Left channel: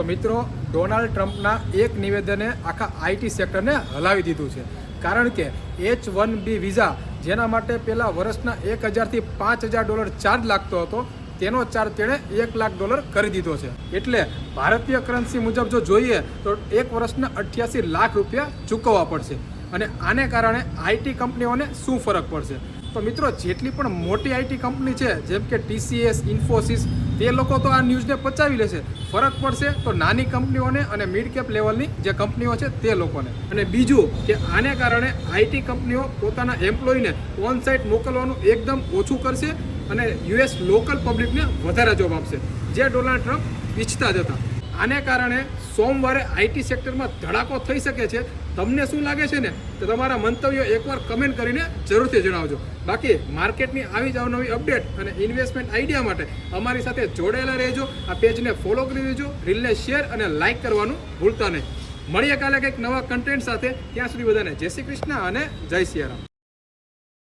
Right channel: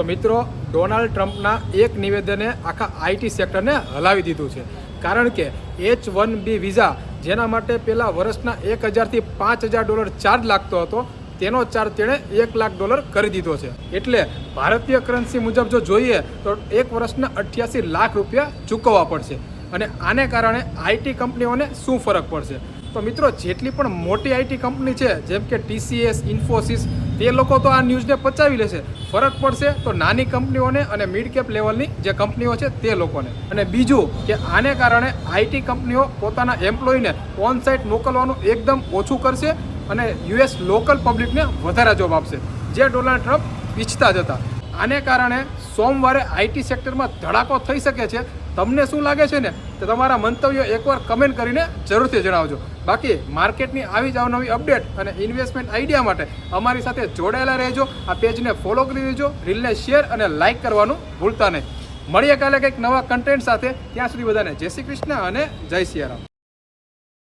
તો મિત્રો, ડોનાલ્ડ ટ્રમ્પના એક નિવેદને આખા આઈટી સેક્ટરને હલાવી દીધું છે. કારણ કે H-1B વિઝા, જેના માટે પહેલાં વર્ષના $1,000 થી $5,000 ચાર્જ લાગતો હતો, તેનો ચાર્જ તેણે $1 લાખ કરી દીધો છે. એટલે ભારતીય કરન્સી મુજબ જો જોઈએ તો એક વર્ષના $88 લાખ ચૂકવવા પડશે. અને આને કારણે આઈટી કંપનીઓને શું ફરક પડશે? તો મિત્રો, જેટલી પણ મોટી આઈટી કંપની છે, જેમ કે TCS, ઇન્ફોસિસ, તે લોકો તો આ ન્યૂઝને પચાવી લેશે. ફરક પડશે તો નાની કંપનીઓને અને મિડ કેપ લેવલની જે કંપનીઓ છે તે લોકોને. અને બીજું કે આને કારણે આઈટી કંપનીઓ પોતાના એમ્પ્લોયીને ઓન સાઇટ મોકલવાનું એકદમ ઓછું કરશે અને US લોકલ પબ્લિકને વધારે જોબ આપશે, જે ડોનાલ્ડ ટ્રમ્પ ઈચ્છતા જ હતા. આને કારણે સોમવારે આઈટી સેક્ટરમાં ધડાકો થઈ શકે છે. તમને શું લાગે છે ને, તો તમારા મંતવ્યો એકવાર કમેન્ટ કરીને જરૂરથી જણાવજો. બાકી માર્કેટની આવી જ અવનવી અપડેટ અને ઇન્વેસ્ટમેન્ટ આઈડિયા માટે અમારી સાથે જોડાયેલા રહેજો. આ પેજને ફોલો કરી દેજો, રીલને શેર અને લાઇક કરવાનું ભૂલતા નહીં. મળીએ કાલે કંઈક નવા કન્ટેન્ટ સાથે. ત્યાં સુધી બધાને જય શ્રી કૃષ્ણ અને જય સિયારામ.